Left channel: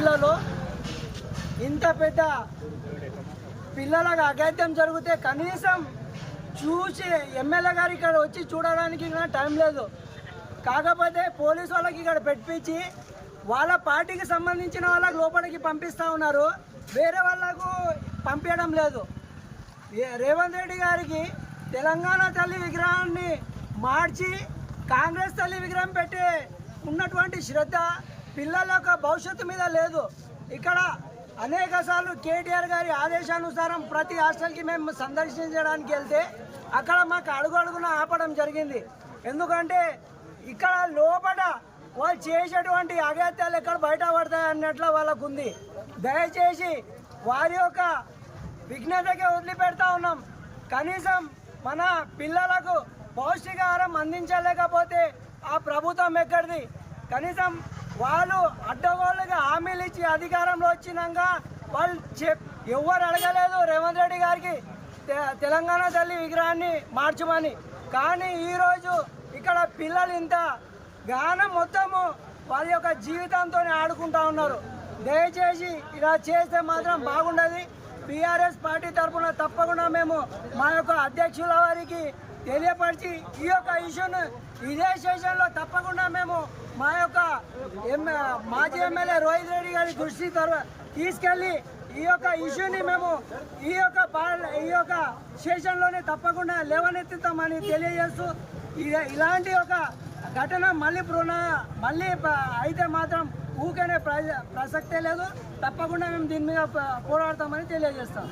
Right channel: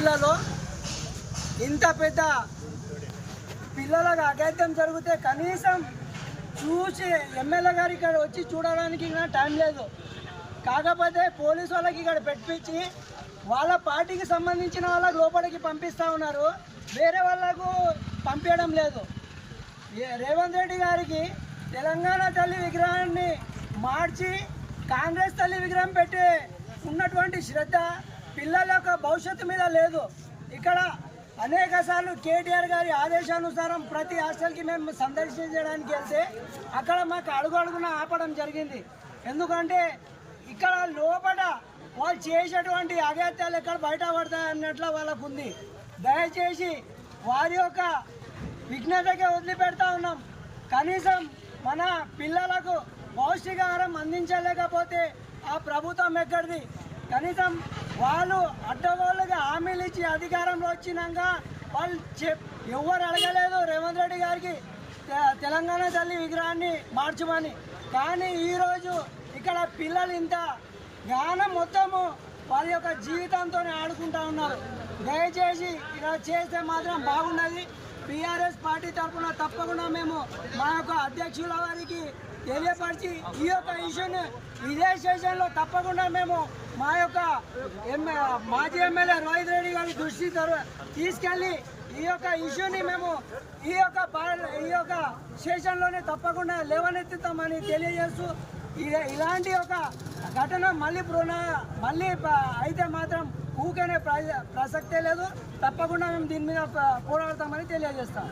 జిల్లాలో ఇంత పెద్ద పిల్లలకు అఘాయిత్యం జరిగితే కనీసం చూసి ఎమ్మెల్యే గారు ఇక్కడ వచ్చి చూడడానికి టైం లేదు. కాకపోతే పోలీసు వాళ్ళకి ఇక్కడ పెట్టించి వాళ్ళ పార్టీకి సంబంధించిన వాళ్ళకి లోపలికి పంపిస్తూ ఉన్నారు, వేరే వాళ్ళకు పంపించడం లేదు. రేవంత్ రెడ్డి గారికి తెలంగాణ తల్లి విగ్రహాన్ని మార్చి కాంగ్రెస్ తల్లి విగ్రహం పెట్టే ఉన్నటువంటి శ్రద్ధ పిల్లల యొక్క భవిష్యత్తు మీద లేదు. ఇక్కడ అనేక సార్లు కేటీఆర్ గారి ఆదేశానుసారం ప్రతి హాస్టల్కి మేము సందర్శించడానికి వెళ్తే అక్కడ మాకు అడుగున ఆపడం జరిగింది. ఎందుకంటే ఇక్కడ లోపల వాళ్ళు చేసేటువంటి అఘాయిత్యాలు ఎక్కడ బయట పడతాయి అన్నట్లు వాళ్ళకు ఉంది. దయచేసి వారి యొక్క విఘ్నతకే వదిలిపెడతా ఉన్నాం. కనీసం మన పిల్లలకు పౌష్టికాహారం అందించలేకపోతే ఆ ప్రభుత్వం ఎక్కడిది? కనీసం వాళ్ళు అడ్డగోళ్ళుగా హామీలు ఇచ్చి అధికారంలో వచ్చినాక వాళ్ళు ఎవరు అడగలేదు రేవంత్ రెడ్డి గారికి తెలంగాణ తల్లి విగ్రహాన్ని మార్చమని. కానీ ఈరోజు ఇక్కడ పిల్లలు ఇంత గానం మొత్తము వారి యొక్క జీవితంతో ఆడుకుంటా ఉన్నారు. దయచేసి ఇలా చేస్తే మాత్రం బాగుండదు. టీఆర్ఎస్ పార్టీ తరఫున తప్పకుండా మేము మా యొక్క అధ్యక్షుల వారికి తెలియపరిచి ఈ యొక్క ఇష్యూను ఇదే సెషన్లో తప్పకుండా మేము మా యొక్క మాజీ ఎమ్మెల్యే రోహిత్ రెడ్డి గారి దృష్టి తీసుకెళ్ళి ఈ యొక్క ఇష్యూని మేము ఈ యొక్క సెషన్లోనే తప్పకుండా లేవనెత్తుతామని తెలియజేస్తూ ఇలాంటి ఒక ఘటన మళ్ళీ అయితే మాత్రం ఊకనే ప్రసక్తే లేదు. తప్పకుండా మేము దీని మీద పోరాడతామని తెలియజేస్తాం.